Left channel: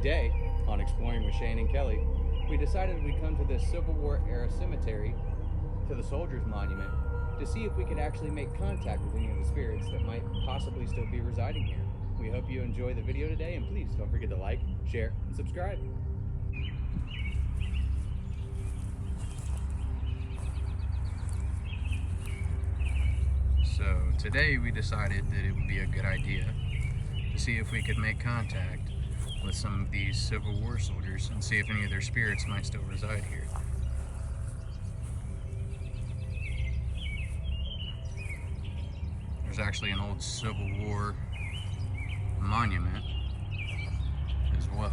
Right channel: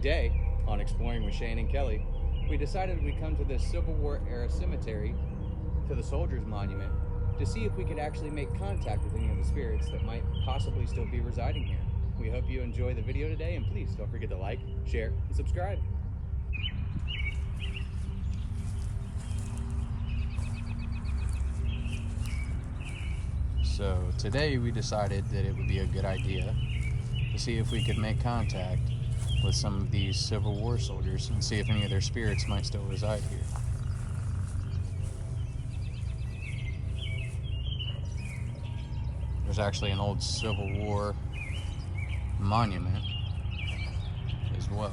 Today, on Exploring with Shane and Kelly, we decided we'd come to this Civil War era cemetery, to the Soldiers Monument, to see if we could actually make contact with any of the spirits that might possibly still be residing here. We hope you enjoy the video today, and please don't forget to like, share, and subscribe. So today we decided that it would be a good idea to see if we could make contact with some of these Civil War soldiers and see if any of their spirits might still reside here. There's actually an old Civil War monument as well.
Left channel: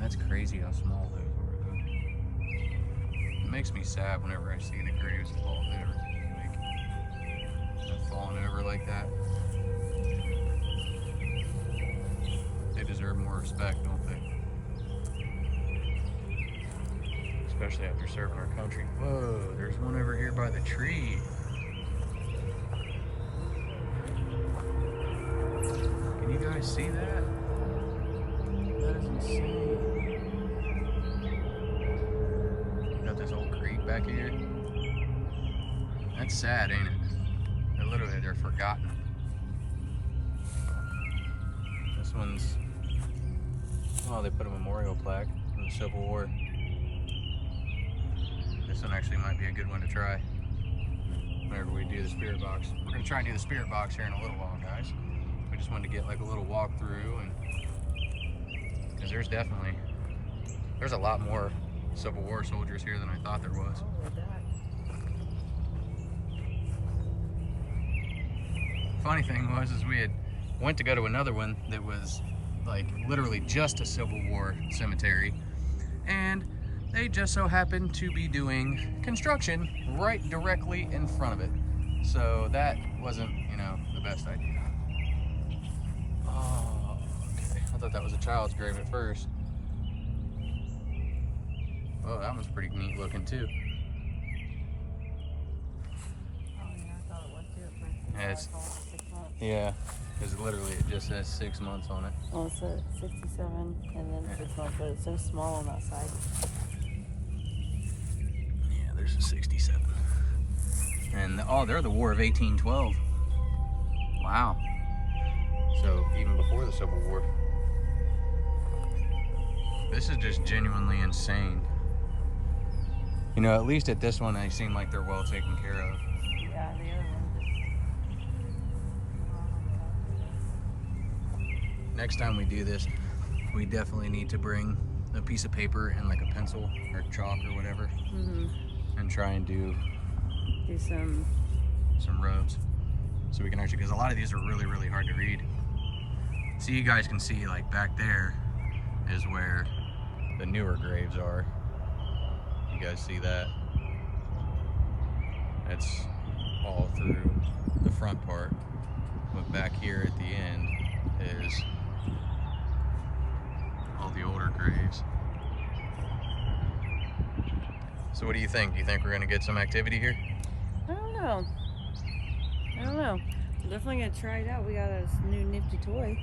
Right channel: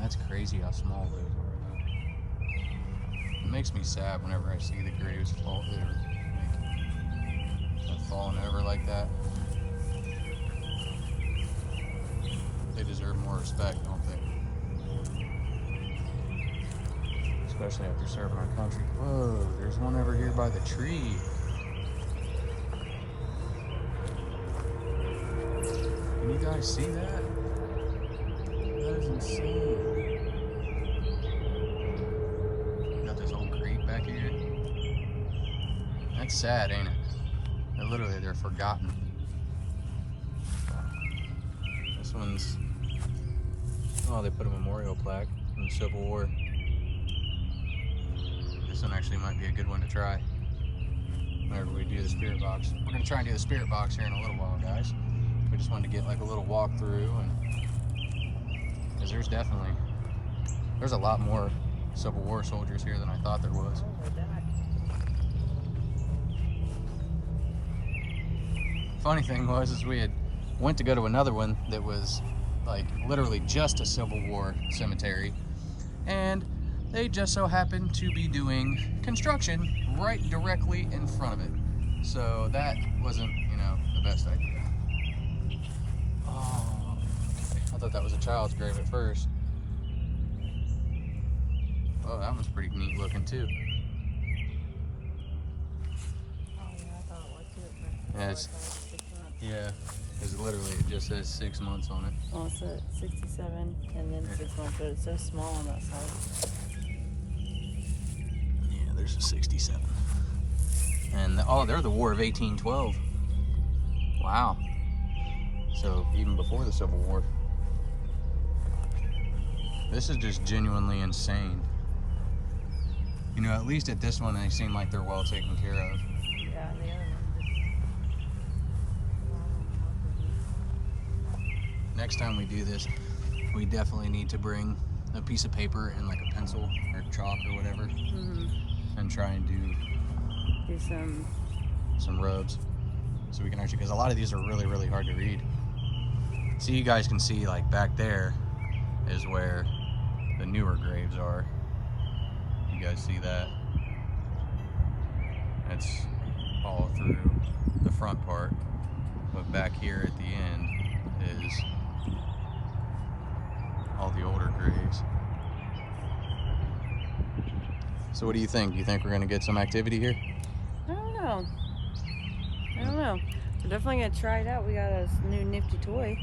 That's crazy how small those are, though. It makes me sad whenever I see the graves fall there, like falling over like that. They deserve more respect, don't they? Especially if they're serving our country. Whoa, there's one over here by the tree. Can you guys see that? That is insane. Got this old creek back here. That's sad, ain't it? They're forgotten. This one's, oh, they put a memorial plaque from the Civil War. This one actually might be a good one to try whenever we do the spirit box. We're gonna try and do the spirit box here in a little while, guys. We just wanted to get like a little walkthrough, and because there's a lot more Civil War soldiers here than I thought there was. Funny thing was, is we had went to go to another one that was like literally just a Civil War cemetery, and they just so happened to be doing construction right directly in front of it. So that wasn't, you know, the best idea. Oh, okay. I thought that was a child's grave at first. Oh, that one's pretty neat looking too. Yeah, because literally it just says 6 months on it. And it says 67 and then 6 months, but it's so small on that side. Yeah, there's a 67. And oh, they're the War of 1812. Wow. So even before the Civil War. This is just genuinely insane. You know, at least at this one, they seem like they're well taken care of. Next time we do this, we definitely need to bring a piece of paper and like a pencil or chalk or whatever, and try and do some roads so we can actually, because a lot of these are really, really hard to read. So you guys can see, like back there is where the newer graves are. You guys see that? That's all through the front part, but back here at the end is all the older graves. So what do you think? Do you think we're gonna get some activity here? I don't know. We're definitely gonna try it out. We got a new nifty toy.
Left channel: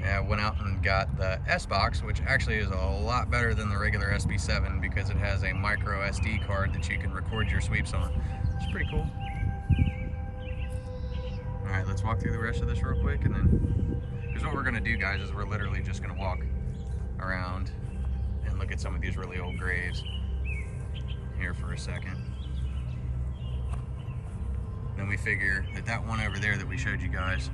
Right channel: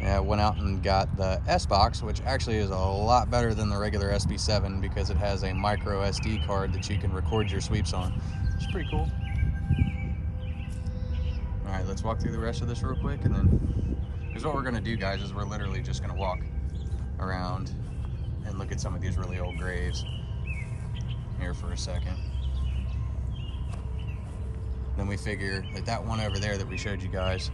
Yeah, I went out and got the SBox, which actually is a lot better than the regular SB7 because it has a micro SD card that you can record your sweeps on. It's pretty cool. All right, let's walk through the rest of this real quick, and then, because what we're gonna do, guys, is we're literally just gonna walk around and look at some of these really old graves here for a second. Then we figure that that one over there that we showed you guys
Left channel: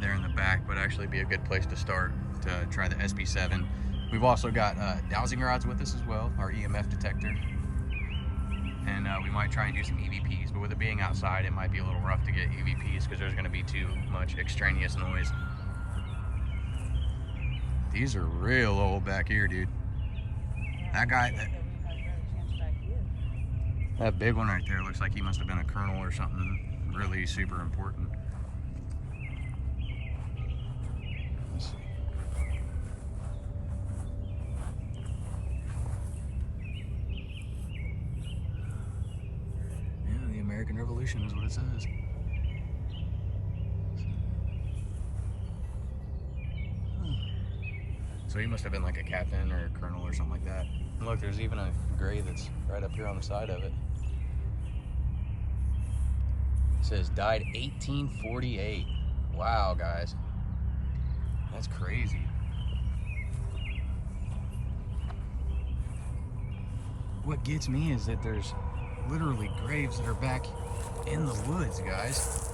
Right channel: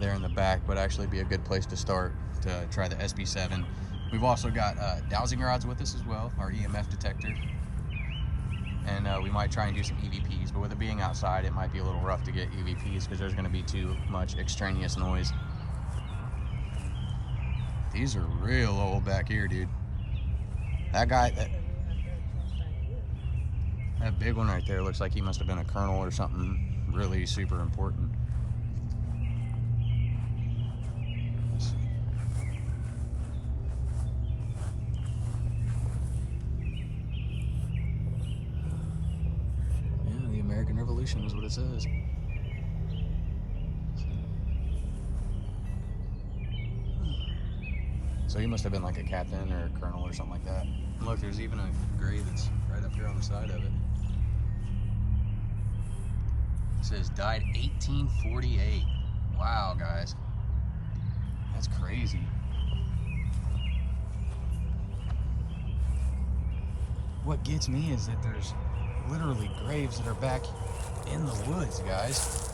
there in the back would actually be a good place to start to try the SB7. We've also got dowsing rods with us as well, our EMF detector. And we might try and do some EVPs, but with it being outside, it might be a little rough to get EVPs because there's going to be too much extraneous noise. These are real old back here, dude. That guy, that big one right there looks like he must have been a colonel or something really super important. Let's see. what it says. So he must have been like a captain or a colonel or something like that. Look, there's even a grave that's right up here on the side of it. It says died 1848. Wow, guys. That's crazy. What gets me is that there's literally graves that are back in the woods, guys.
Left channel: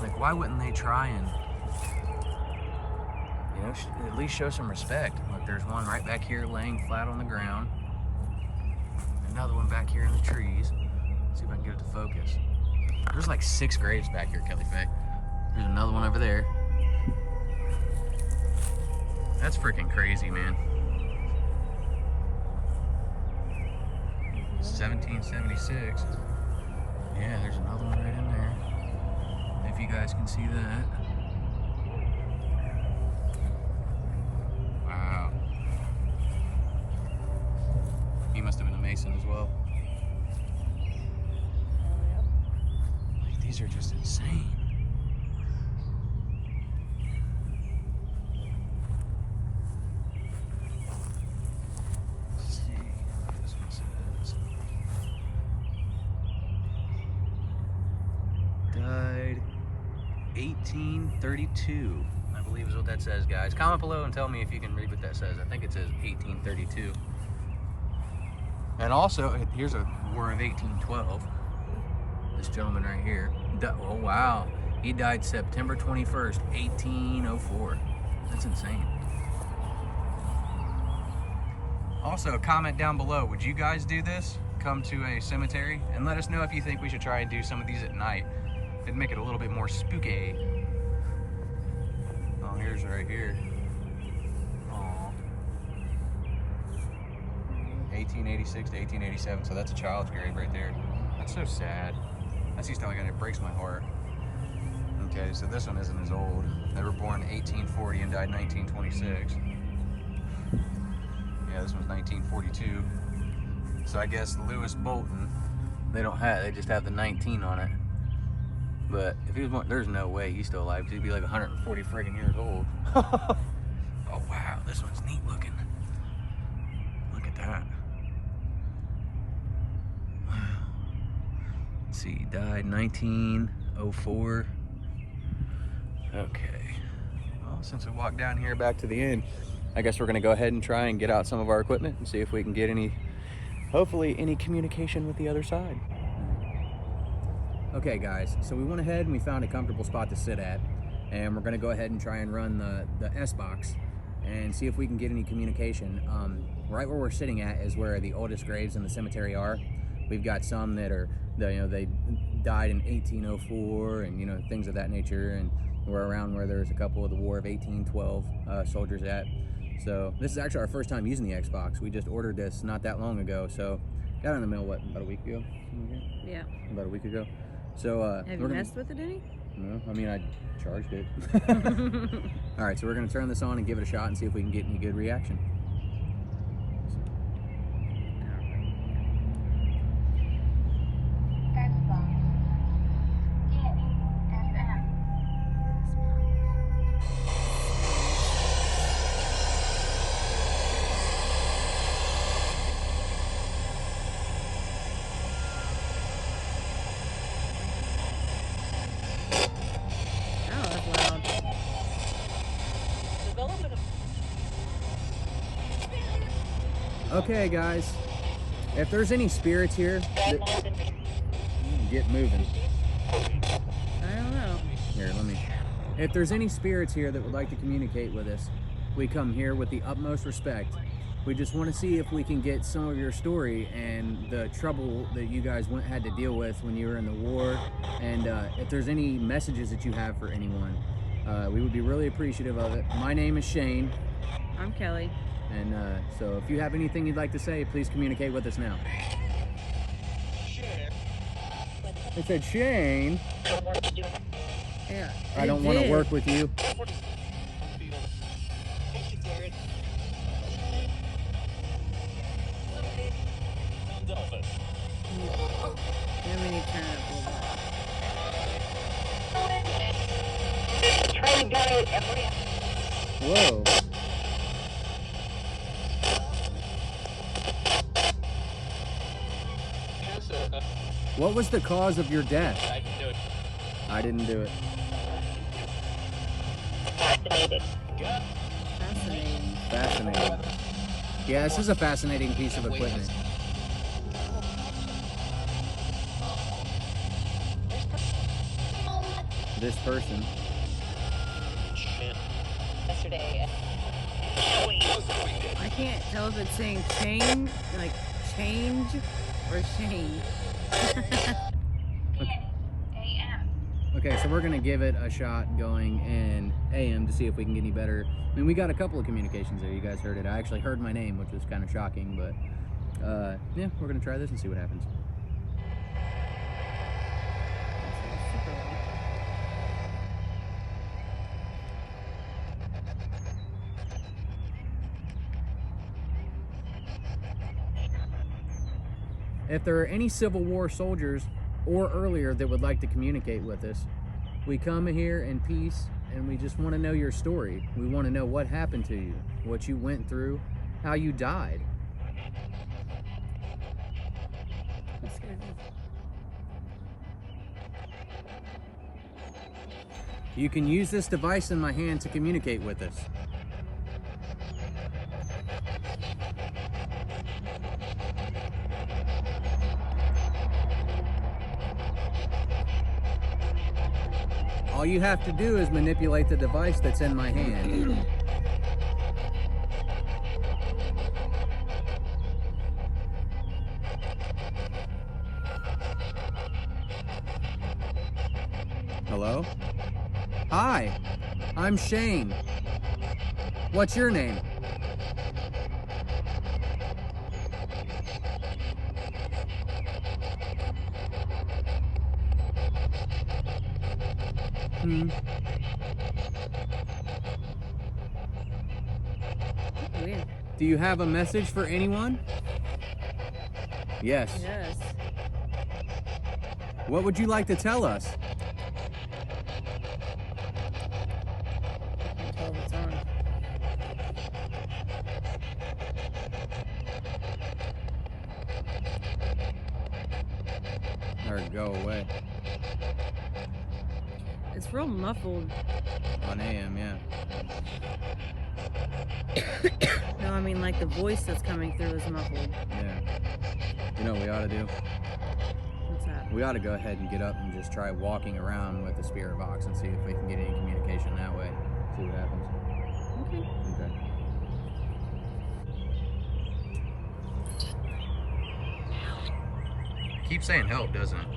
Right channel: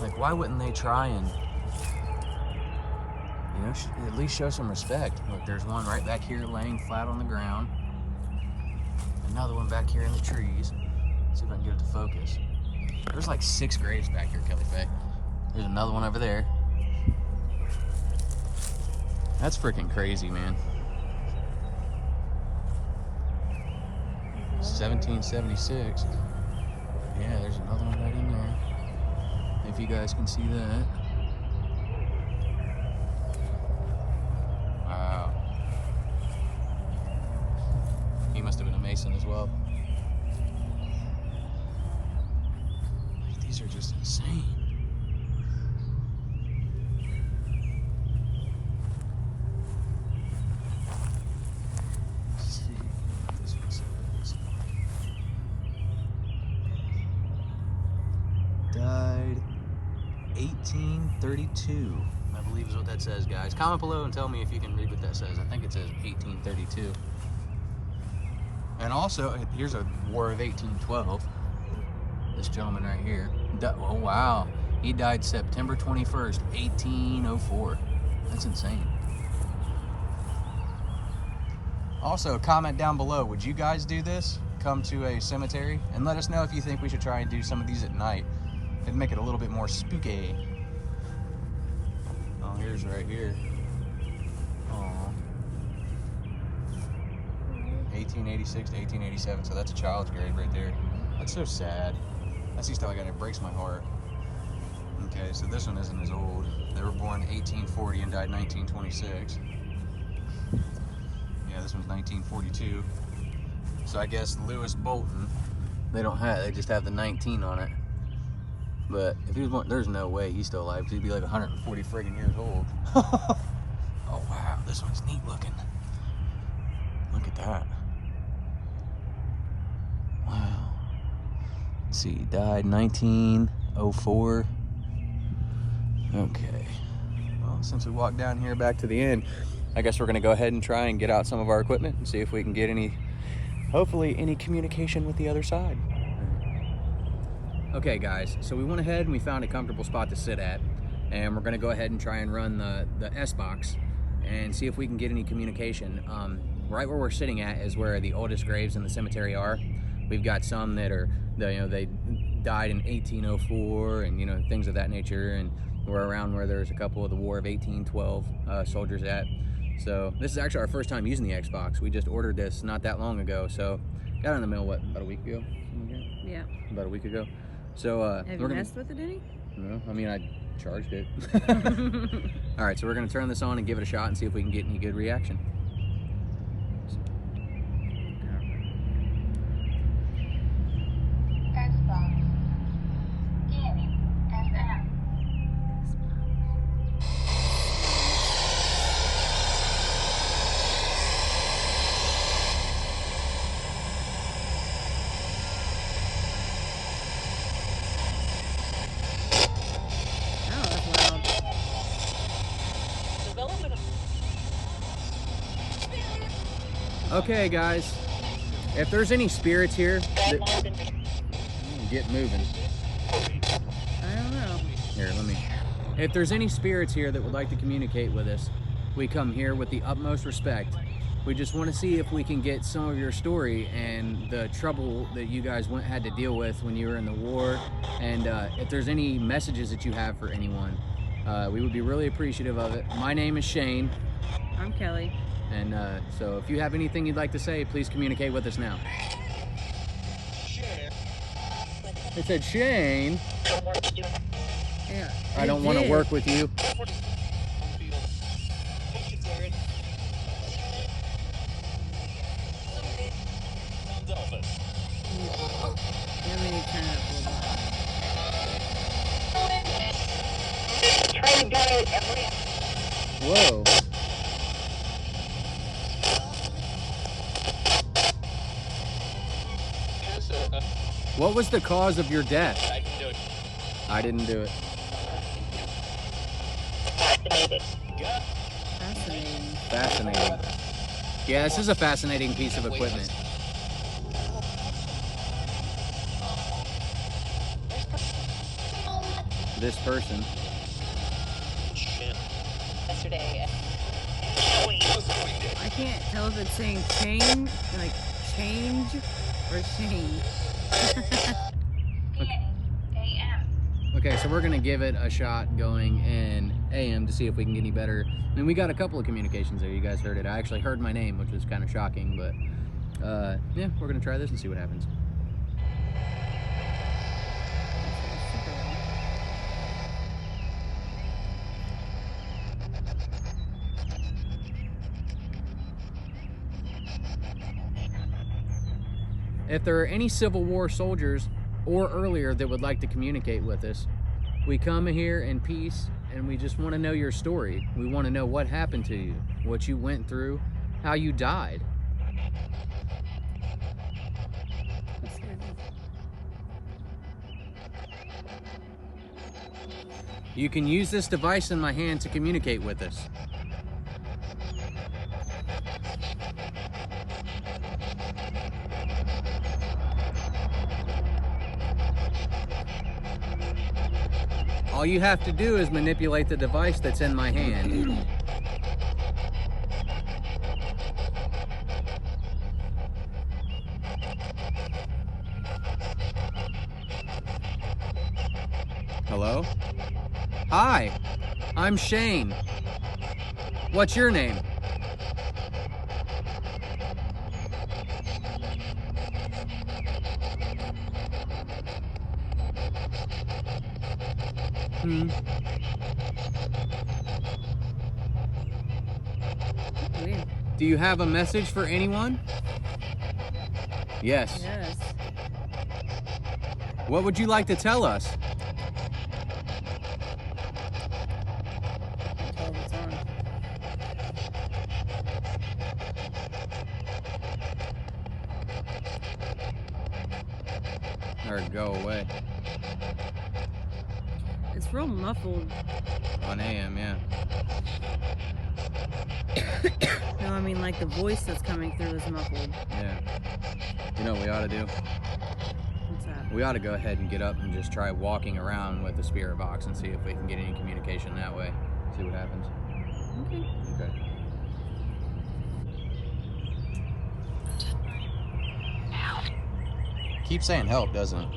Like, why wouldn't they try and, you know, at least show some respect? Look, there's one right back here laying flat on the ground. Another one back here in the trees. Let's see if I can get it to focus. There's like 6 graves back here, Kelly Faye. There's another one over there. That's freaking crazy, man. 1776. Yeah, there's another one right in there. If you guys can see that. Wow. He must have been a Mason as well. Like, these are just insane. Let's see what this one says. Died 1832. I believe is what that says, guys. Comment below and tell me if you can read what that says. I think it says 1832. And also, here's a War of 1812. This gentleman right here. Oh, wow. He died September 21st, 1804. That's insane. Also, comment down below. Would you guys do this? Come to a cemetery? And let us know if you think we should try and do some of these at night. It'd make it a little bit more spooky. Oh, here's right here. Aww. 1886 to 1887, so that's a child's grave right there. That's so sad. That's the stuff like that, it breaks my heart. Okay, so this one isn't as old. They were born in 1840 and died in 1926. Yeah, this one's 1942. So I guess Lewis Bolton, they just have the 19 on it. But if he was born, there's no way he's still alive. He'd be like 140 friggin' years old. Oh wow, this one's neat looking. Look at that. Wow. Let's see, died 1904. Okay. Well, since we walked down here back to the end, I guess we're gonna go ahead and try and get out some of our equipment and see if we can get hopefully any communication with the other side. Okay guys, so we went ahead and we found a comfortable spot to sit at, and we're gonna go ahead and try and run the SBox and see if we can get any communication. Right where we're sitting at is where the oldest graves in the cemetery are. We've got some that are, they died in 1804 and things of that nature, and we're around where there's a couple of the War of 1812 soldiers at. So this is actually our first time using the SBox. We just ordered this not that long ago, so got it in the mail, what, about a week ago? Yeah. About a week ago. So have you messed with it any? No, I mean, I charged it. All right, so we're gonna turn this on and give it a shot and see if we can get any good reaction. SBox. Scanning SM. Okay, guys, if there's any spirits here, get moving. I don't know. Here, if there's any spirits here that would like to communicate with us, we come here with the utmost respect. We just want to see if we can get some of your story and the trouble that you guys had to deal with when you were in the war, and if there's any messages that you have for anyone, we would be really appreciative of it. My name is Shane. I'm Kelly. And so if you have anything you'd like to say, please communicate with us now. It said, Shane. Yeah. I don't want to work with you. Then we need to turn it up a little bit. Whoa. What was the cause of your death? I didn't do it. Fascinating. Fascinating. Yeah, this is a fascinating piece of equipment. This person. Yesterday. I can't tell if it's saying change, like change, or change. Okay, so we're gonna give it a shot going in AM to see if we can get any better. I mean, we got a couple of communications there. You guys heard it. I actually heard my name, which was kind of shocking, but yeah, we're gonna try this and see what happens. If there are any Civil War soldiers or earlier that would like to communicate with us, we come here in peace and we just want to know your story. We want to know what happened to you, what you went through, how you died. You can use this device in my hand to communicate with us. All you have to do is manipulate the device that's in my hand. Hello? Hi, I'm Shane. What's your name? Weird. Do you have a message for anyone? Yes. Yes. What would you like to tell us? I can't tell if it's on. Or go away. It's real muffled. On AM, yeah. No, I mean like the voice that's coming through is muffled. Yeah. You know what we ought to do? What's that? We ought to go ahead and get up and just try walking around with the spirit box and see if we can get any communication that way. See what happens. Okay. Okay. Keeps saying help, doesn't it?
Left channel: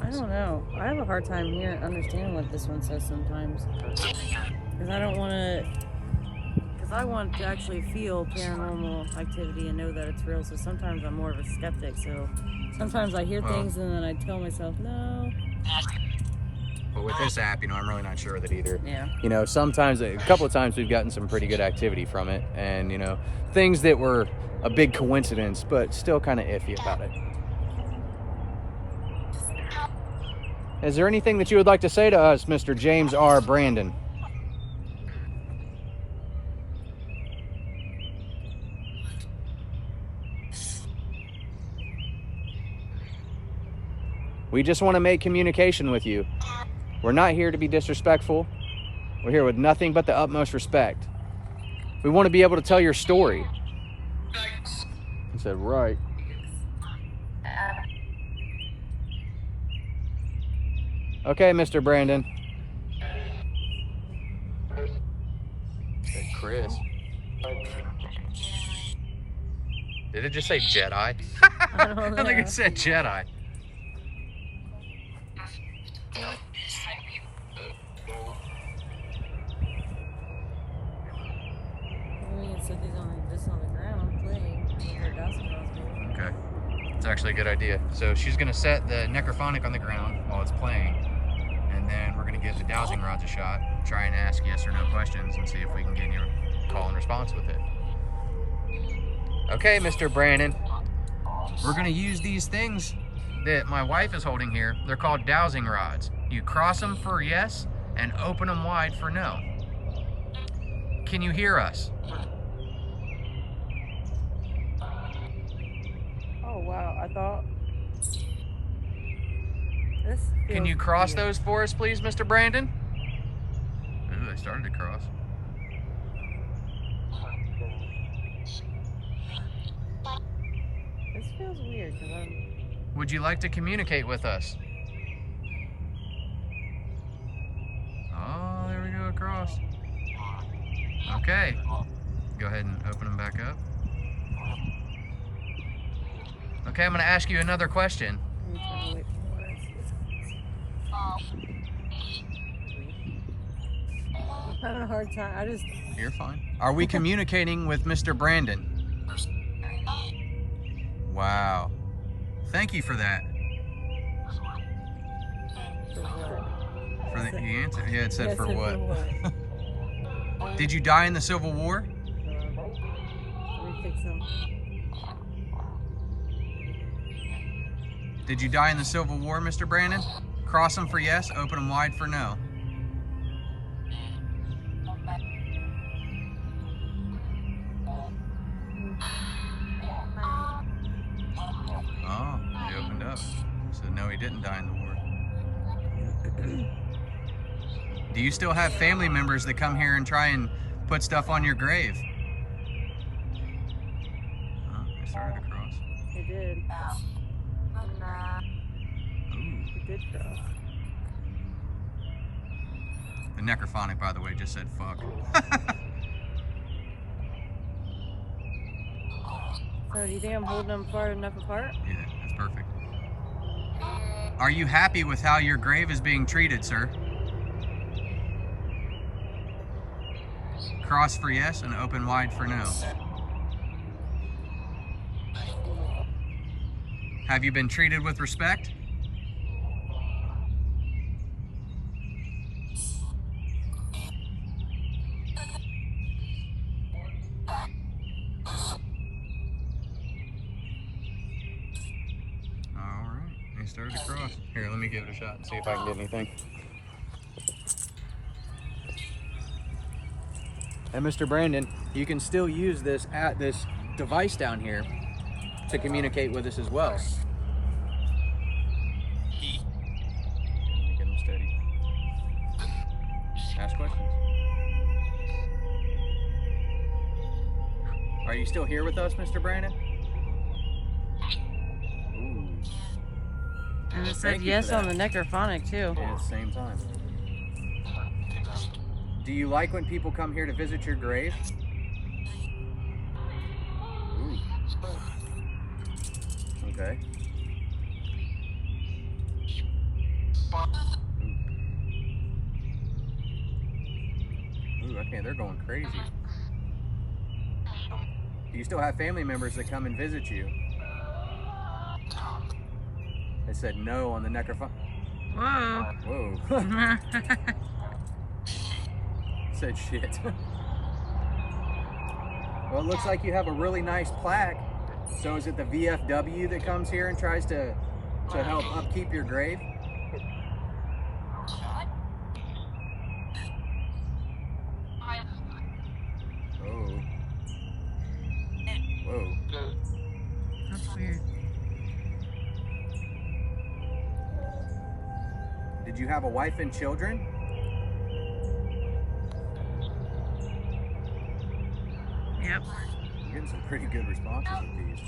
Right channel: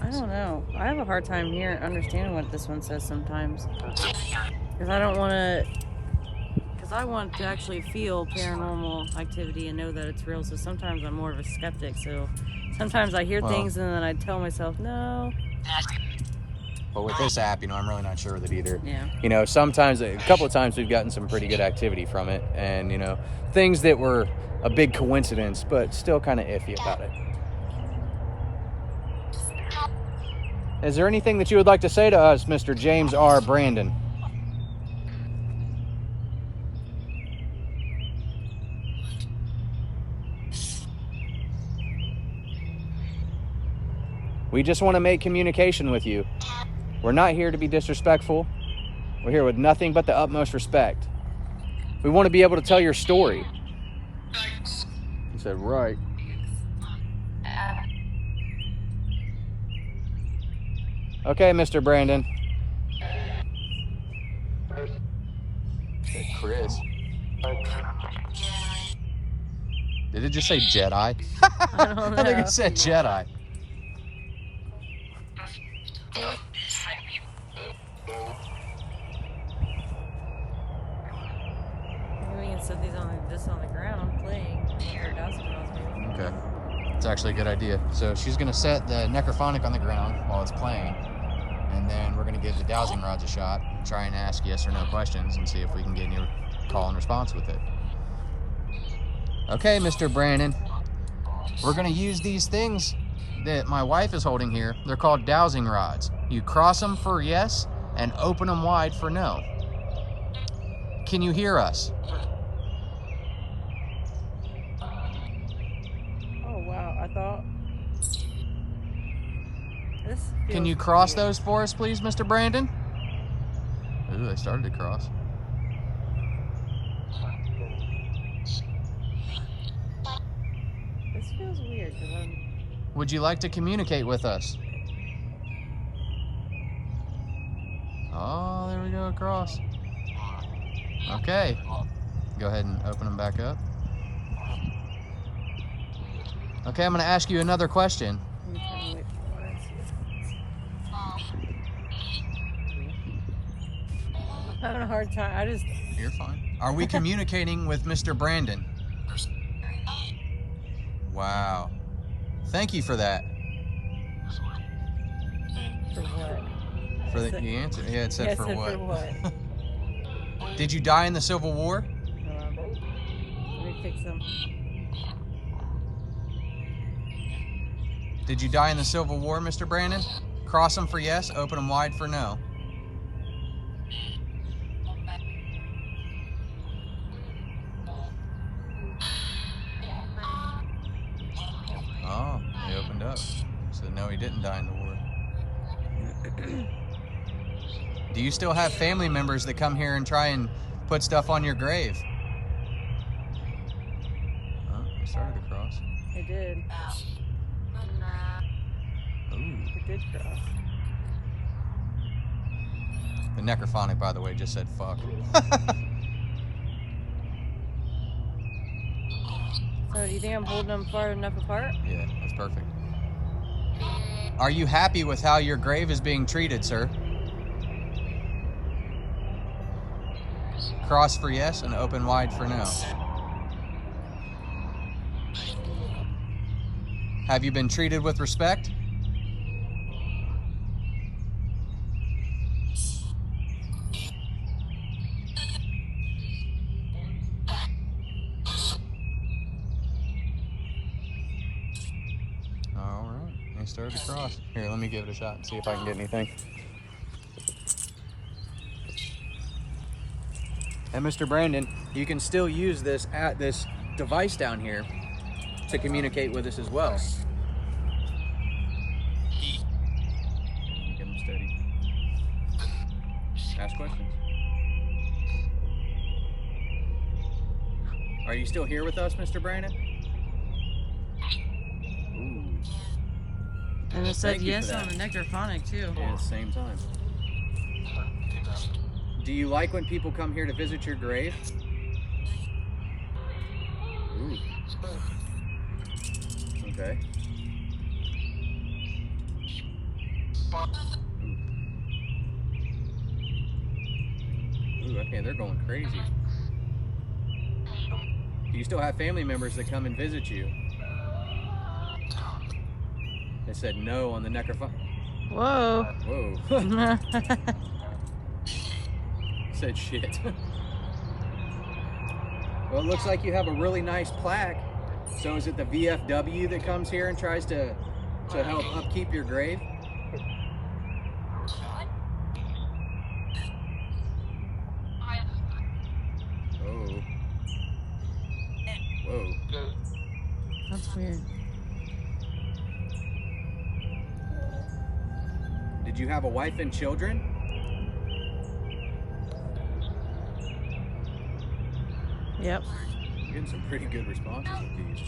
I don't know. I have a hard time here understanding what this one says sometimes. Because I don't want to... Because I want to actually feel paranormal activity and know that it's real. So sometimes I'm more of a skeptic. So sometimes I hear things and then I tell myself, no. But with this app, you know, I'm really not sure with it either. Yeah. You know, sometimes, a couple of times we've gotten some pretty good activity from it. And, you know, things that were a big coincidence, but still kind of iffy about it. Is there anything that you would like to say to us, Mr. James R. Brandon? We just want to make communication with you. We're not here to be disrespectful. We're here with nothing but the utmost respect. We want to be able to tell your story. He said, right. Okay, Mr. Brandon. Hey, Chris. Did it just say Jedi? I don't know. I think it said Jedi. Maybe we can set these on just on the ground playing. Okay. It's actually a good idea. So she's going to set the necrophonic on the ground while it's playing. And then we're going to give the dowsing rods a shot, try and ask yes or no questions, and see if we can get any call and response with it. Okay, Mr. Brandon. We're going to use these things that my wife is holding here, they're called dowsing rods. You cross them for yes and open them wide for no. Can you hear us? Oh wow, I thought this Can you feels cross weird. those for us, please, Mr. Brandon? Ooh, they started to cross. This feels weird because I'm. Would you like to communicate with us? Oh, there we go, across. Okay. Go ahead and open them back up. Okay, I'm going to ask you another question. I'm trying to wait for what I see. I'm having a hard time. You're fine. Are we communicating with Mr. Brandon? Wow. Thank you for that. For what? For the answer. Yeah, it said Yeah, for said what? For what? Did you die in the Civil War? Let me fix them. Did you die in the Civil War, Mr. Brandon? Cross them for yes, open them wide for no. Oh, they opened up. So no, he didn't die in the war. Do you still have family members that come here and try and put stuff on your grave? Oh, they started to cross. It did. Ooh. It did cross. The necrophonic, by the way, just said fuck. So do you think I'm holding them far enough apart? Yeah, that's perfect. Are you happy with how your grave is being treated, sir? Cross for yes and open wide for no. Have you been treated with respect? All right, they started to cross. Here, let me give it a shot and see if I can get anything. And Mr. Brandon, you can still use this device down here to communicate with us as well. Let me get them steady. Ask questions. Are you still here with us, Mr. Brandon? Ooh. And it said yes on the necrophonic too. Yeah, at the same time. Do you like when people come here to visit your grave? Ooh. Okay. Ooh, okay, they're going crazy. Do you still have family members that come and visit you? They said no on the necrophone. Whoa. Whoa. Said shit. Well, it looks like you have a really nice plaque. So is it the VFW that comes here and tries to help upkeep your grave? Oh. Whoa. That's weird. Did you have a wife and children? Yep. I'm getting some pretty good responses with these.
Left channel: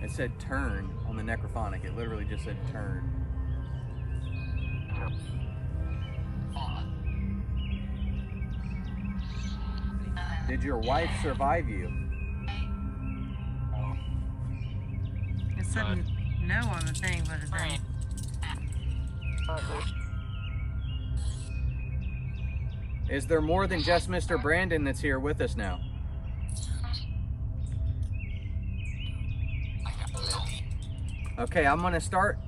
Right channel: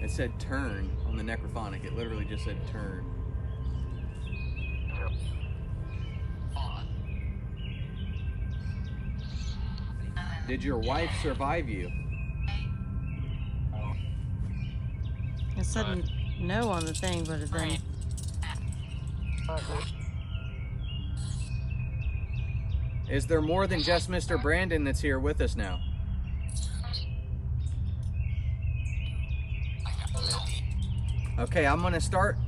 It said turn on the necrophonic. It literally just said turn. Did your wife survive you? It said no on the thing, but it didn't. Is there more than just Mr. Brandon that's here with us now? Okay, I'm gonna start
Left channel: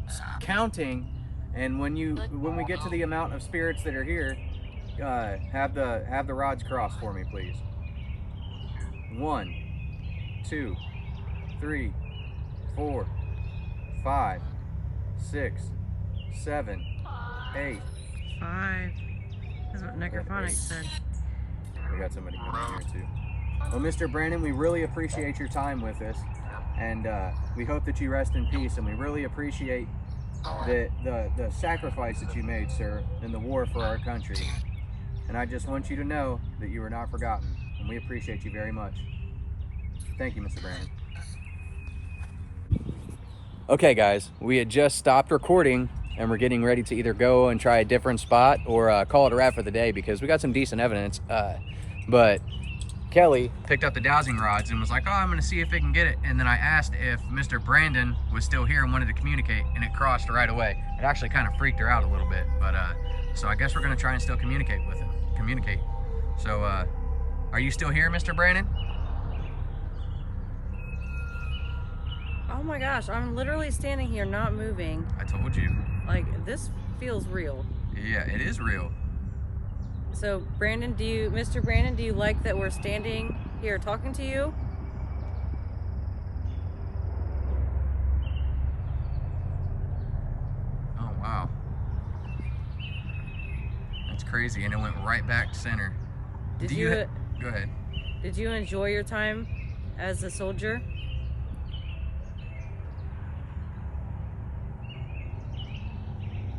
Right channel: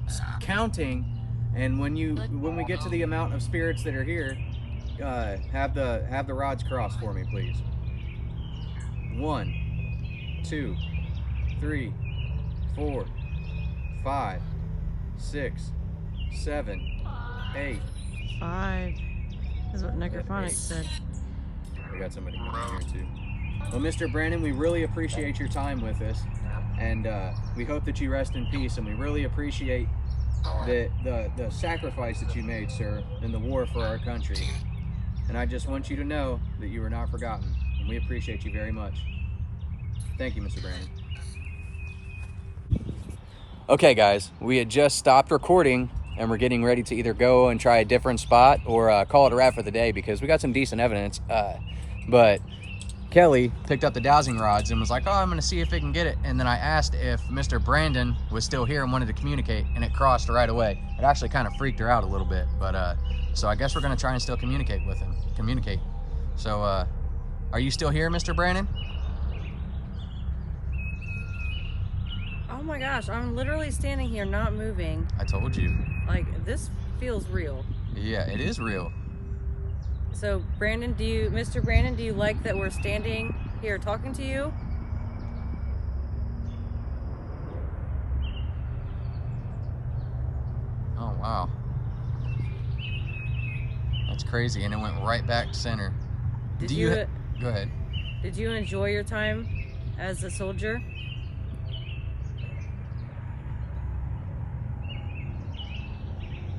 counting, and when we get to the amount of spirits that are here, have the rods cross for me, please. 1, 2, 3, 4, 5, 6, 7, 8. 5. That's what necrophonics said. We got somebody coming in here too. Well, Mr. Brandon, we really appreciate your time with us, and we hope that you rest in peace, and we really appreciate the sacrifice that you made, sir, in the war for our country. And I just want you to know that you are not forgotten, and we appreciate you very much. Thank you, Mr. Brandon. Okay, guys, we had just stopped recording, and we're getting ready to either go and try a different spot or call it a wrap for the day because we got some decent evidence. But Kelly picked up the dowsing rods and was like, oh, I'm gonna see if it can get it. And then I asked if Mr. Brandon was still here and wanted to communicate, and it crossed right away. It actually kind of freaked her out a little bit, but so I guess we're gonna try and still communicate with him. So are you still here, Mr. Brandon? Oh my gosh, I'm literally standing here not moving. I told you. Like, this feels real. Yeah, it is real. So, Brandon, Mr. Brandon, do you like that we're standing here talking to you? Oh, wow. That's crazy, and it went right back to center. Go ahead. Did you enjoy your time as a soldier?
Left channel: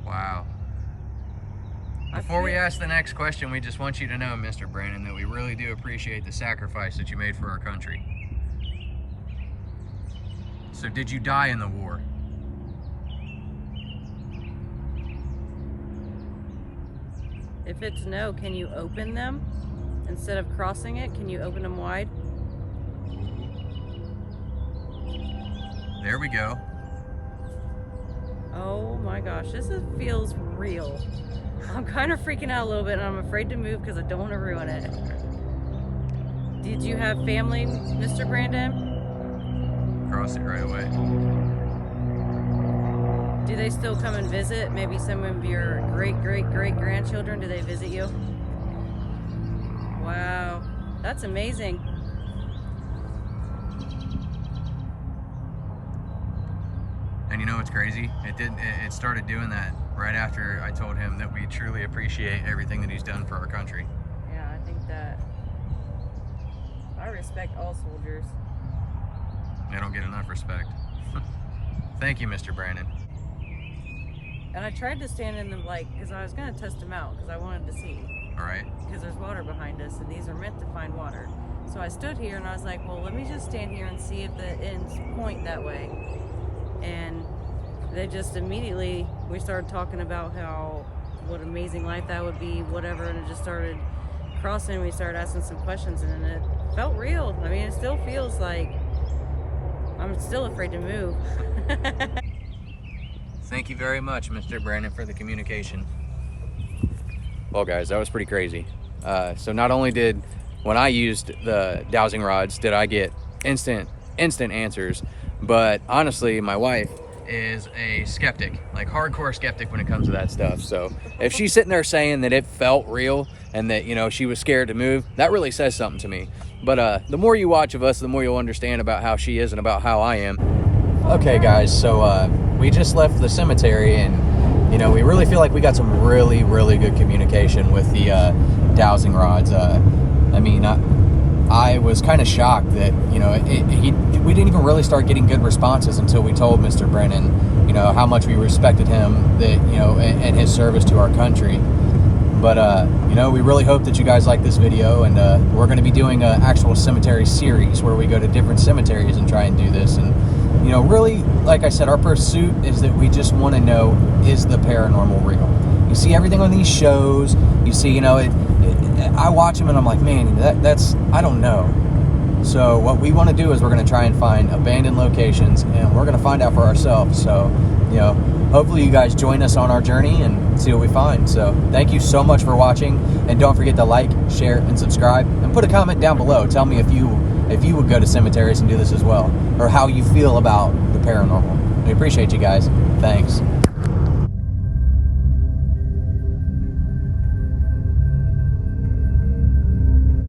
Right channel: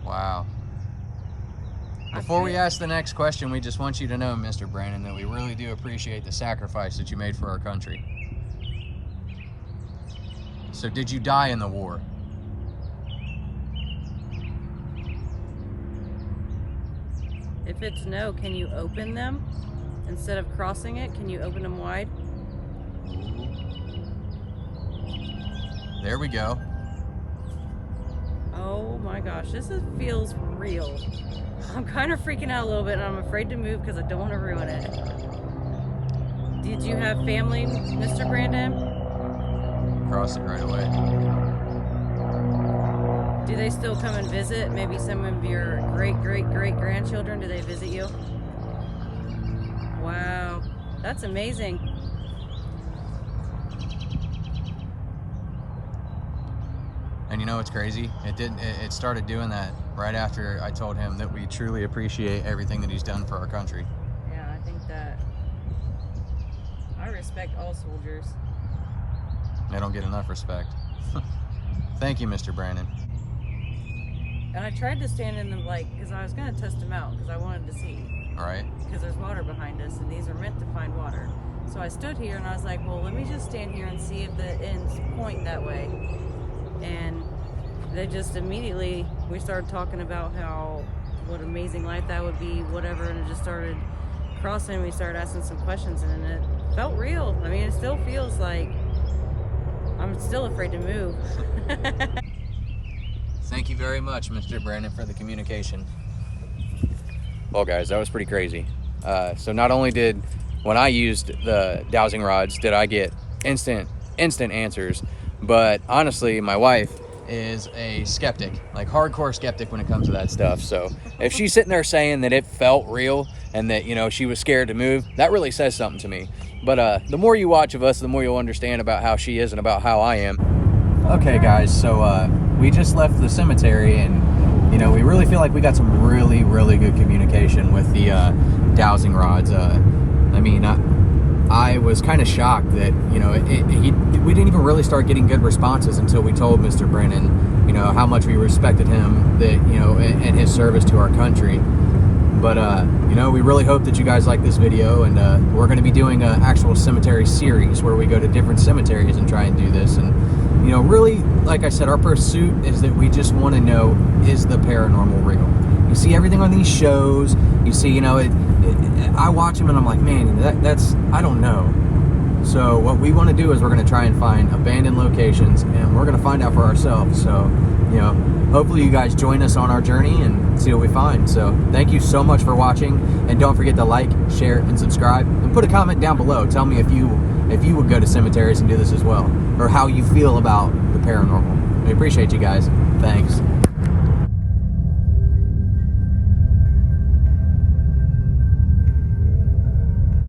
Wow. Before we ask the next question, we just want you to know, Mr. Brandon, that we really do appreciate the sacrifice that you made for our country. So did you die in the war? If it's no, can you open them? Instead of crossing it, can you open them wide? There we go. Oh my gosh, feels real. I'm kind of freaking out a little bit, and I'm afraid to move because I don't want to ruin it. Did you have family, Mr. Brandon? Cross it right away. Do they still come and visit? Maybe some of your great-great-great-grandchildren, do they visit you? Wow, that's amazing. And you know what's crazy? It started doing that right after I told him that we truly appreciate everything that he's done for our country. Yeah, I think that I respect all soldiers. They don't get enough respect. Thank you, Mr. Brandon. And I tried to stand in them, because I was going to test them out because I wanted to see. All right. Because there's water behind us, and these are meant to find water. So I stood here and I was like, well, let me just stand here and see if the ends point that way. And they just immediately, we started talking about what amazing life that would be, whatever, and it just started crossing. We started asking some questions, and it felt real. I mean, it still feels like I'm still afraid to move. Thank you very much, Mr. Brandon, for the communication. Well, guys, that was pretty crazy. So not only did, when I used the dowsing rods, did I get instant answers, but honestly, my wife is a skeptic, like hardcore skeptic when it comes to that stuff. So if she's sitting there saying that it felt real and that, you know, she was scared to move, that really says something to me. But the more you watch of us, the more you'll understand about how she is and about how I am. Okay, guys, so we just left the cemetery, and you know, we really feel like we got some really good communication with the dowsing rods. I mean, I was kind of shocked that, you know, we didn't even really start getting good responses until we told Mr. Brennan, you know, how much we respected him, that, you know, and his service to our country. But, you know, we really hope that you guys like this video, and we're going to be doing an actual cemetery series where we go to different cemeteries and try and do this. And, you know, really, like I said, our pursuit is that we just want to know, is the paranormal real? You see everything on these shows, you see, you know, I watch them and I'm like, man, that's, I don't know. So what we want to do is we're going to try and find abandoned locations, and we're going to find out for ourselves. So, you know, hopefully you guys join us on our journey and see what we find. So thank you so much for watching, and don't forget to like, share, and subscribe, and put a comment down below. Tell me if you would go to cemeteries and do this as well, or how you feel about the paranormal. We appreciate you guys. Thanks.